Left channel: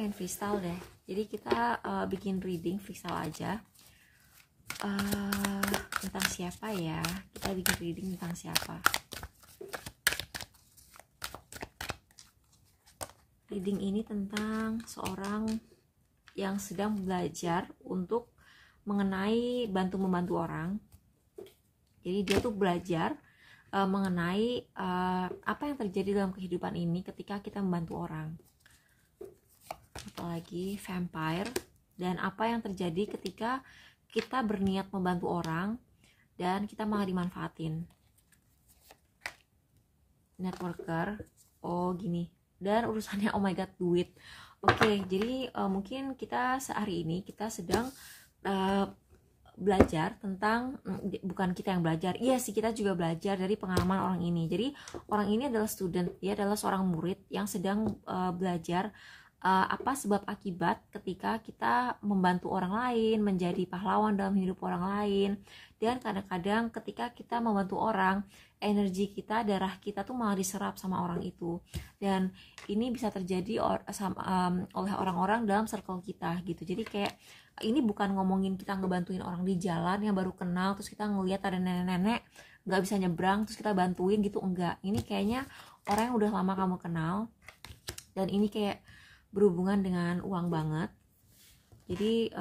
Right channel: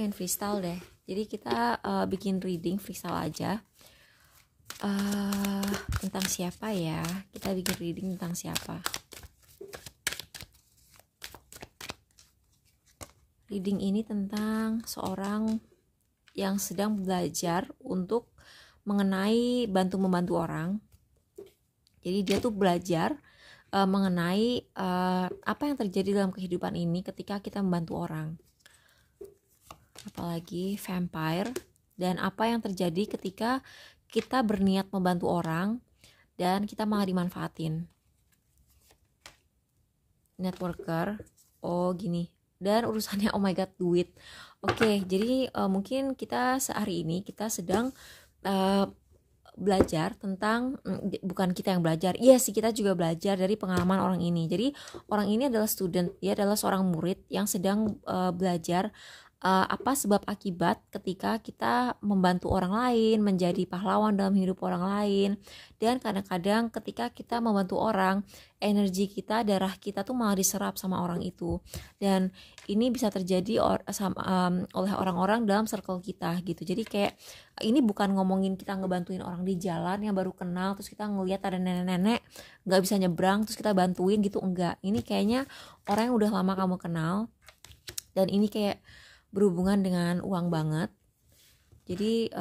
pengen freestyle deh. Jadi kita bikin reading freestyle aja. Tentang siapa ya? Kita bikin reading tentang siapa? Reading ini tentang seorang yang sedang belajar untuk mengenai membantu orang. Jadi dia tuh belajar mengenai apa yang terjadi dalam kehidupan ini ketika kita membantu orang. Apalagi vampire, dan apa yang terjadi ketika kita berniat membantu orang dan kita malah dimanfaatin. Networker, oh gini, dan urusannya oh my god duit. Oke, jadi mungkin kita sehari ini kita sedang belajar tentang, bukan kita yang belajar, iya sih kita juga belajar dari pengalaman orang ini. Jadi orang ini adalah student, dia adalah seorang murid yang sedang belajar apa sebab akibat ketika kita membantu orang lain, menjadi pahlawan dalam hidup orang lain. Dan kadang-kadang ketika kita membantu orang, energi kita, darah kita tuh malah diserap sama orang itu. Dan ini bisa terjadi oleh orang-orang dalam circle kita gitu. Jadi kayak ini bukan ngomongin kita ngebantuin orang di jalan yang baru kenal, terus kita ngelihat ada nenek-nenek nggak bisa nyebrang terus kita bantuin gitu, enggak. Ini kayaknya orang yang udah lama kamu kenal, dan ini kayak berhubungan dengan uang banget. Jadi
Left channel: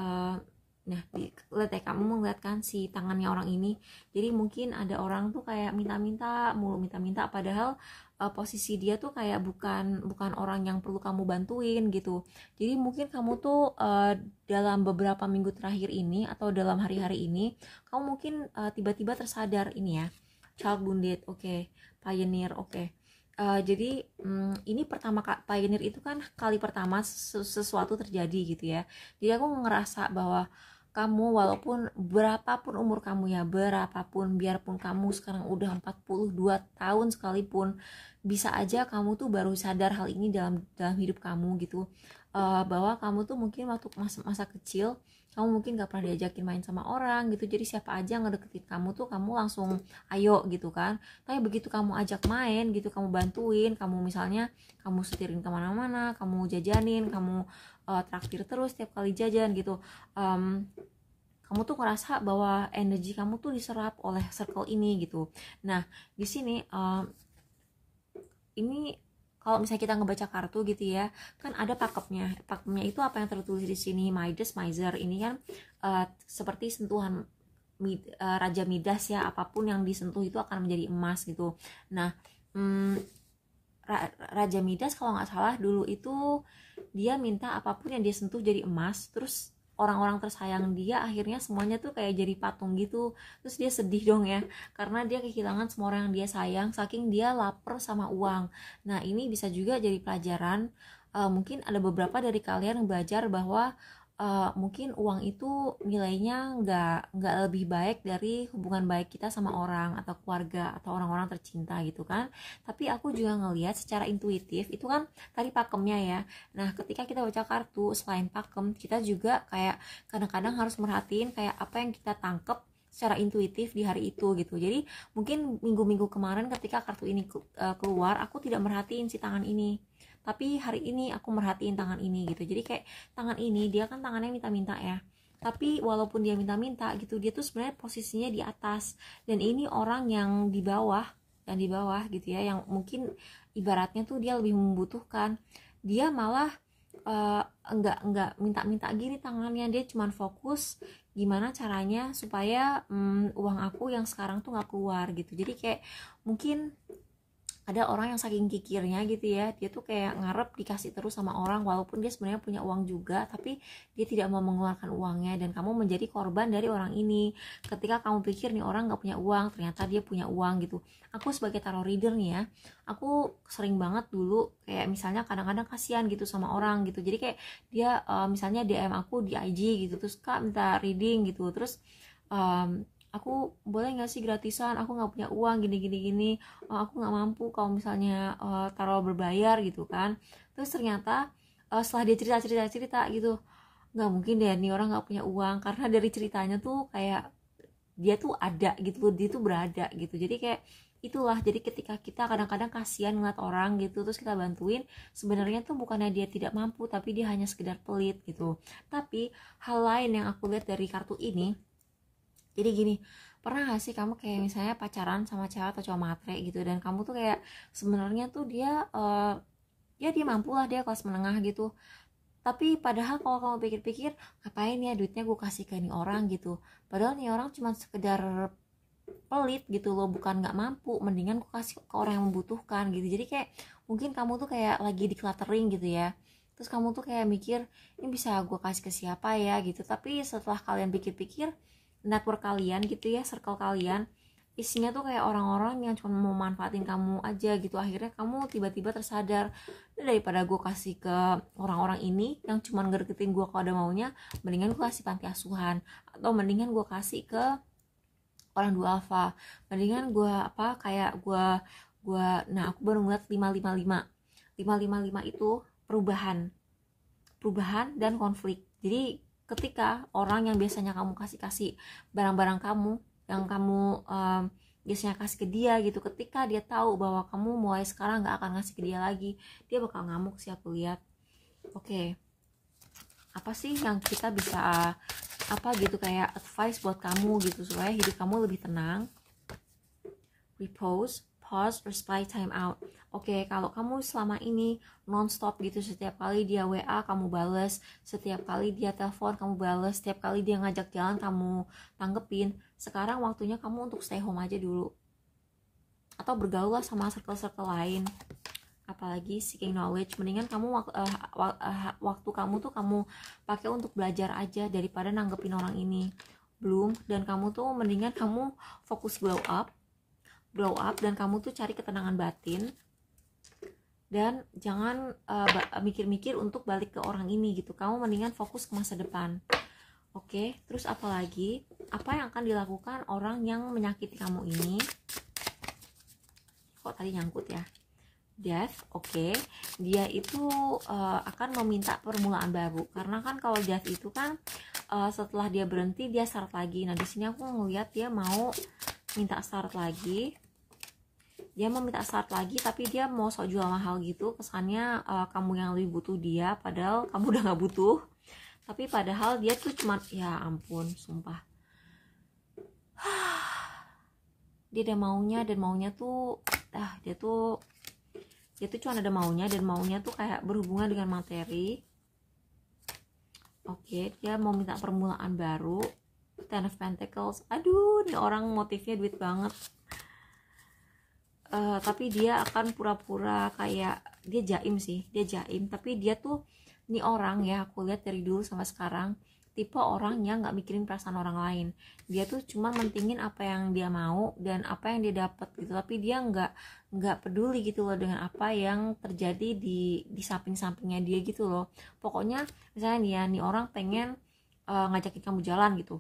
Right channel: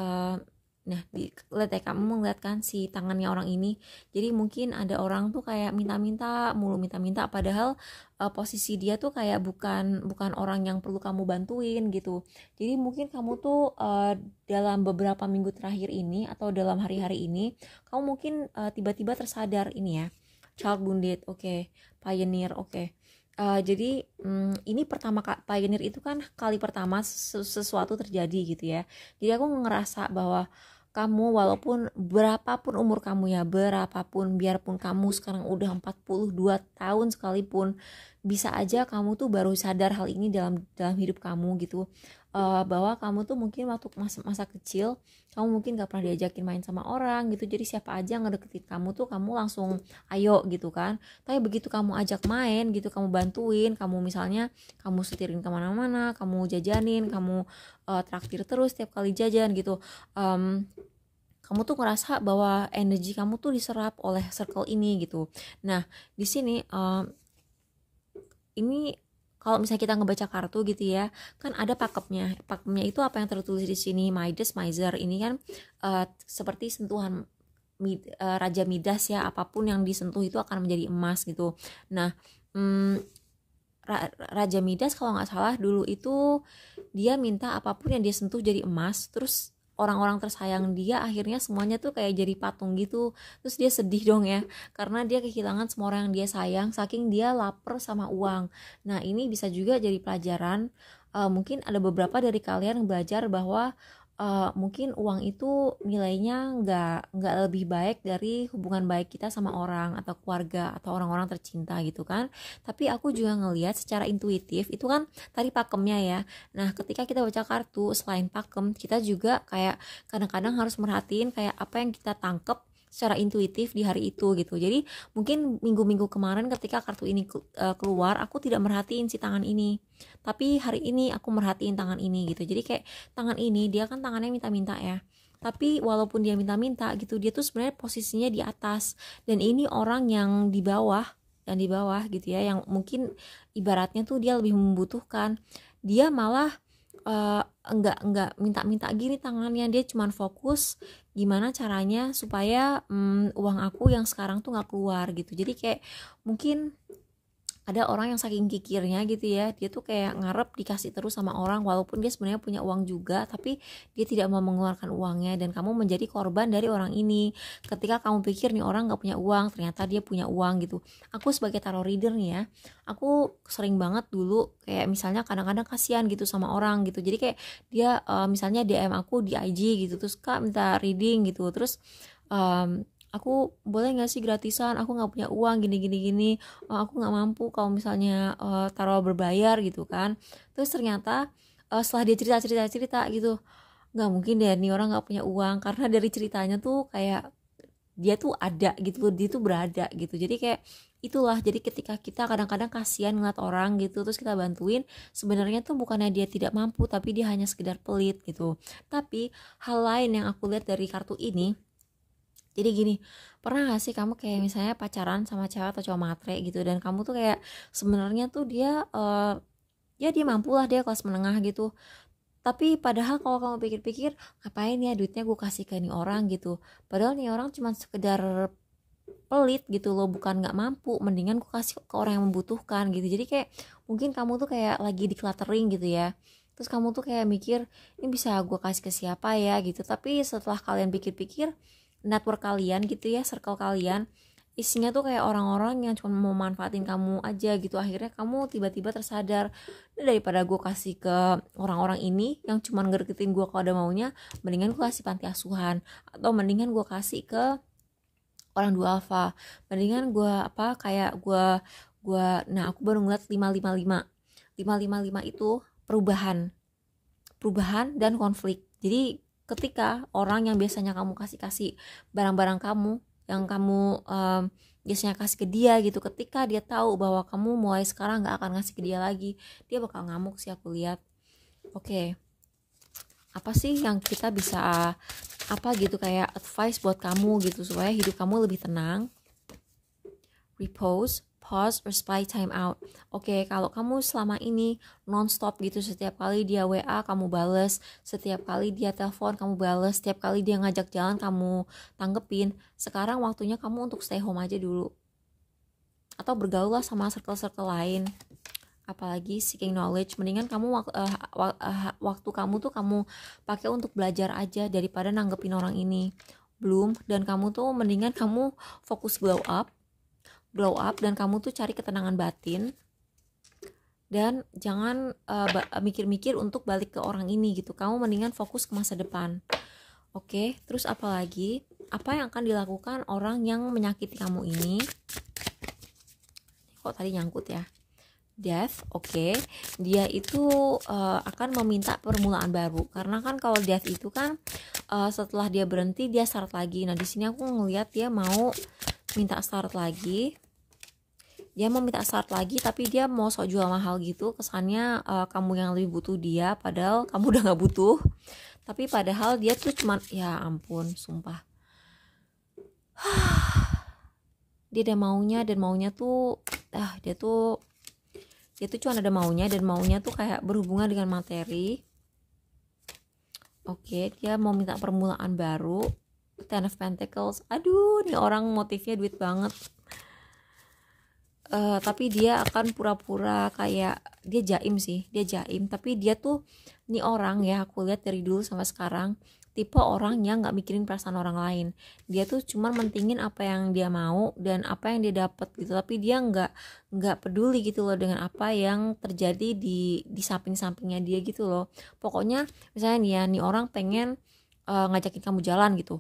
lihat ya, kamu ngeliat kan si tangannya orang ini. Jadi mungkin ada orang tuh kayak minta-minta padahal posisi dia tuh kayak bukan orang yang perlu kamu bantuin gitu. Jadi mungkin kamu tuh dalam beberapa minggu terakhir ini atau dalam hari-hari ini kamu mungkin tiba-tiba tersadar ini ya, child wounded, oke. Pioneer, oke. Jadi ini pertama pioneer itu kan kali pertama sesuatu terjadi gitu ya. Jadi aku ngerasa bahwa kamu walaupun berapapun umur kamu ya, biarpun kamu sekarang udah 42 tahun sekalipun, bisa aja kamu tuh baru sadar hal ini dalam hidup kamu gitu. Bahwa kamu tuh mungkin waktu masa kecil kamu mungkin gak pernah diajakin main sama orang gitu, jadi siapa aja ngedeketin kamu tuh kamu langsung ayo gitu kan. Tapi begitu kamu ajak main gitu, kamu bantuin, kamu misalnya kamu setirin kemana-mana, kamu jajanin, kamu traktir terus tiap kali jajan gitu, kamu tuh ngerasa bahwa energi kamu tuh diserap oleh circle ini gitu. Nah di sini ini kalau misalnya kita ngebaca kartu gitu ya, kan ada pakemnya itu apa yang tertulis di sini, Midas, Miser. Ini kan seperti sentuhan Raja Midas ya, apapun yang disentuh itu akan menjadi emas gitu. Nah Raja Midas kalau nggak salah dulu itu dia minta apapun yang dia sentuh jadi emas, terus orang-orang tersayang dia akhirnya semuanya tuh kayak jadi patung gitu. Terus dia sedih dong ya, karena dia kehilangan semua orang yang dia sayang saking dia lapar sama uang. Nah ini bisa juga jadi pelajaran. Mungkin ada beberapa dari kalian yang belajar bahwa mungkin uang itu nilainya nggak lebih baik dari hubungan baik kita sama orang atau keluarga atau orang-orang tercinta gitu kan. Tapi aku juga ngelihat secara intuitif itu kan tadi pakemnya ya. Nah ketika kita baca kartu, selain pakem kita juga kayak kadang-kadang harus merhatiin kayak apa yang kita tangkep secara intuitif di hari itu gitu. Jadi mungkin minggu-minggu kemarin ketika kartu ini keluar, aku tidak merhatiin si tangan ini, tapi hari ini aku merhatiin tangan ini gitu. Jadi kayak tangan ini dia kan tangannya minta-minta ya, tapi walaupun dia minta-minta gitu, dia tuh sebenarnya posisinya di atas, dan ini orang yang di bawah gitu ya, yang mungkin ibaratnya tuh dia lebih membutuhkan, dia malah enggak minta-minta gini tangannya, dia cuman fokus gimana caranya supaya uang aku yang sekarang tuh nggak keluar gitu. Jadi kayak mungkin ada orang yang saking kikirnya gitu ya, dia tuh kayak ngarep dikasih terus sama orang walaupun dia sebenarnya punya uang juga, tapi dia tidak mau mengeluarkan uangnya, dan kamu menjadi korban dari orang ini. Ketika kamu pikir nih orang gak punya uang, ternyata dia punya uang gitu. Aku sebagai tarot reader nih ya, aku sering banget dulu kayak misalnya kadang-kadang kasihan gitu sama orang gitu. Jadi kayak dia misalnya DM aku di IG gitu, terus Kak minta reading gitu, terus aku boleh nggak sih gratisan, aku nggak punya uang gini, aku nggak mampu kalau misalnya taruh berbayar gitu kan. Terus ternyata setelah dia cerita gitu, nggak mungkin deh nih orang nggak punya uang, karena dari ceritanya tuh kayak dia tuh ada gitu, dia tuh berada gitu. Jadi kayak Itulah, jadi ketika kita kadang-kadang kasihan ngeliat orang gitu terus kita bantuin, sebenarnya tuh bukannya dia tidak mampu, tapi dia hanya sekedar pelit gitu. Tapi hal lain yang aku lihat dari kartu ini, jadi gini, pernah gak sih kamu kayak misalnya pacaran sama cewek atau cowok matre gitu, dan kamu tuh kayak sebenarnya tuh dia ya dia mampu lah, dia kelas menengah gitu, tapi padahal kalau kamu pikir-pikir, ngapain ya duitnya gue kasih ke ini orang gitu, padahal nih orang cuma sekedar pelit gitu loh, bukan nggak mampu, mendingan gue kasih ke orang yang membutuhkan gitu. Jadi kayak mungkin kamu tuh kayak lagi di cluttering gitu ya, terus kamu tuh kayak mikir ini bisa gue kasih ke siapa ya gitu, tapi setelah kalian pikir-pikir, network kalian gitu ya, circle kalian isinya tuh kayak orang-orang yang cuma mau manfaatin kamu aja gitu. Akhirnya kamu tiba-tiba tersadar, daripada gue kasih ke orang-orang ini yang cuma ngedeketin gue kalau ada maunya, mendingan gue kasih panti asuhan, atau mendingan gue kasih ke orang dua alfa, mendingan gue apa kayak gue nah aku baru ngeliat 555 itu perubahan dan konflik. Jadi ketika orang yang biasanya kamu kasih barang-barang kamu yang kamu biasanya kasih ke dia gitu, ketika dia tahu bahwa kamu mulai sekarang nggak akan ngasih ke dia lagi, dia bakal ngamuk sih aku lihat. Oke. Apa sih yang kita bisa apa gitu kayak advice buat kamu gitu supaya hidup kamu lebih tenang? Repose, pause, or spy time out. Oke, kalau kamu selama ini non-stop gitu, setiap kali dia WA kamu bales, setiap kali dia telepon kamu bales, setiap kali dia ngajak jalan kamu tanggepin, sekarang waktunya kamu untuk stay home aja dulu, atau bergaul lah sama circle-circle lain. Apalagi seeking knowledge, mendingan kamu waktu kamu tuh kamu pakai untuk belajar aja daripada nanggepin orang ini. Belum, dan kamu tuh mendingan kamu fokus glow up dan kamu tuh cari ketenangan batin, dan jangan mikir-mikir untuk balik ke orang ini gitu. Kamu mendingan fokus ke masa depan. Oke, terus apalagi apa yang akan dilakukan orang yang menyakiti kamu ini? Kok tadi nyangkut ya? Death, oke. Dia itu akan meminta permulaan baru, karena kan kalau death itu kan setelah dia berhenti dia start lagi. Nah di sini aku ngeliat dia mau minta start lagi. Dia mau minta start lagi, tapi dia mau sok jual mahal gitu. Kesannya kamu yang lebih butuh dia, padahal kamu udah gak butuh. Tapi padahal dia tuh cuman, ya ampun, sumpah. Dia ada maunya, dan maunya tuh dia tuh cuma ada maunya, dan maunya tuh kayak berhubungan dengan materi. Oke, dia mau minta permulaan baru. Ten of Pentacles, aduh, ini orang motifnya duit banget. Tapi dia akan pura-pura kayak dia jaim sih, tapi dia tuh ini orang ya, aku lihat dari dulu sampai sekarang, tipe orang yang nggak mikirin perasaan orang lain. Dia tuh cuma mentingin apa yang dia mau dan apa yang dia dapat gitu, tapi dia nggak peduli gitu loh dengan apa yang terjadi di samping-sampingnya dia gitu loh. Pokoknya misalnya nih ya, nih orang pengen ngajakin kamu jalan gitu,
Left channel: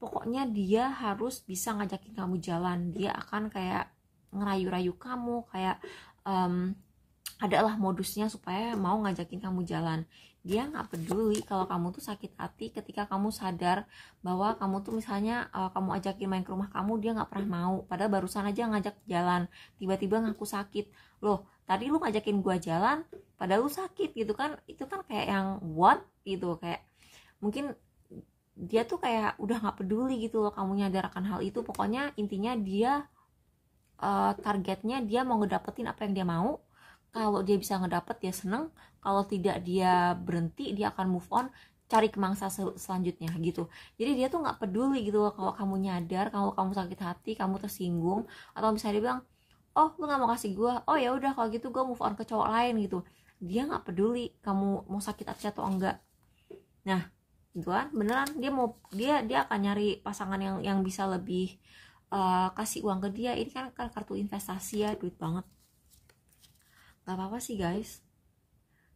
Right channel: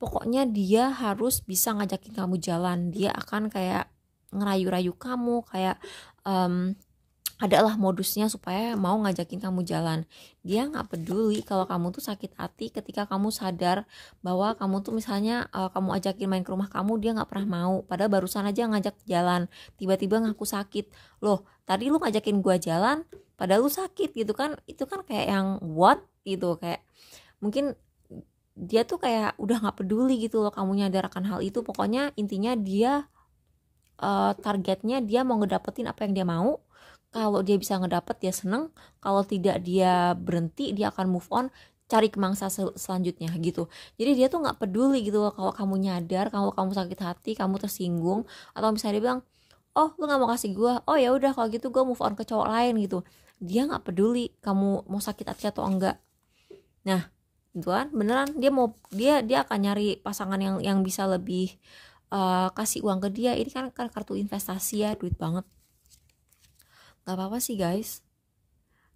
pokoknya dia harus bisa ngajakin kamu jalan. Dia akan kayak ngerayu-rayu kamu, kayak adalah modusnya supaya mau ngajakin kamu jalan. Dia nggak peduli kalau kamu tuh sakit hati ketika kamu sadar bahwa kamu tuh misalnya kamu ajakin main ke rumah kamu, dia nggak pernah mau, padahal barusan aja ngajak jalan, tiba-tiba ngaku sakit. Loh, tadi lu ngajakin gua jalan padahal lu sakit gitu kan. Itu kan kayak yang what gitu, kayak mungkin dia tuh kayak udah nggak peduli gitu loh kamu nyadar akan hal itu. Pokoknya intinya dia targetnya dia mau ngedapetin apa yang dia mau. Kalau dia bisa ngedapet dia seneng, kalau tidak dia berhenti, dia akan move on, cari kemangsa selanjutnya gitu. Jadi dia tuh nggak peduli gitu loh kalau kamu nyadar, kalau kamu sakit hati, kamu tersinggung, atau misalnya dia bilang, oh lu nggak mau kasih gue, oh ya udah kalau gitu gue move on ke cowok lain gitu. Dia nggak peduli kamu mau sakit hati atau enggak. Nah gitu kan, beneran dia akan nyari pasangan yang bisa lebih kasih uang ke dia. Ini kan kartu investasi ya, duit banget. Gak apa-apa sih guys,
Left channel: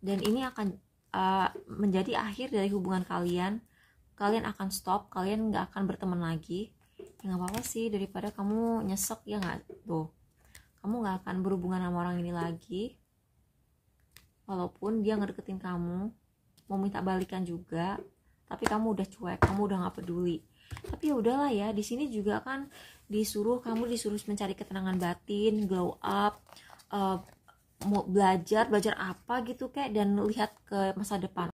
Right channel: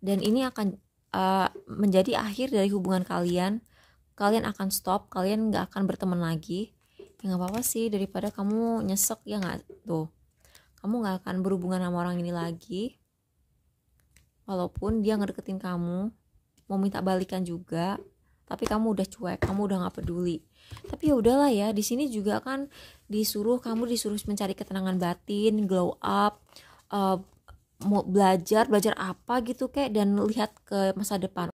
dan ini akan menjadi akhir dari hubungan kalian. Kalian akan stop, kalian gak akan berteman lagi. Ya gak apa-apa sih, daripada kamu nyesek ya gak tuh, kamu gak akan berhubungan sama orang ini lagi. Walaupun dia ngedeketin kamu, mau minta balikan juga, tapi kamu udah cuek, kamu udah nggak peduli. Tapi ya udahlah ya, di sini juga kan kamu disuruh mencari ketenangan batin, glow up, mau belajar apa gitu kayak, dan lihat ke masa depan.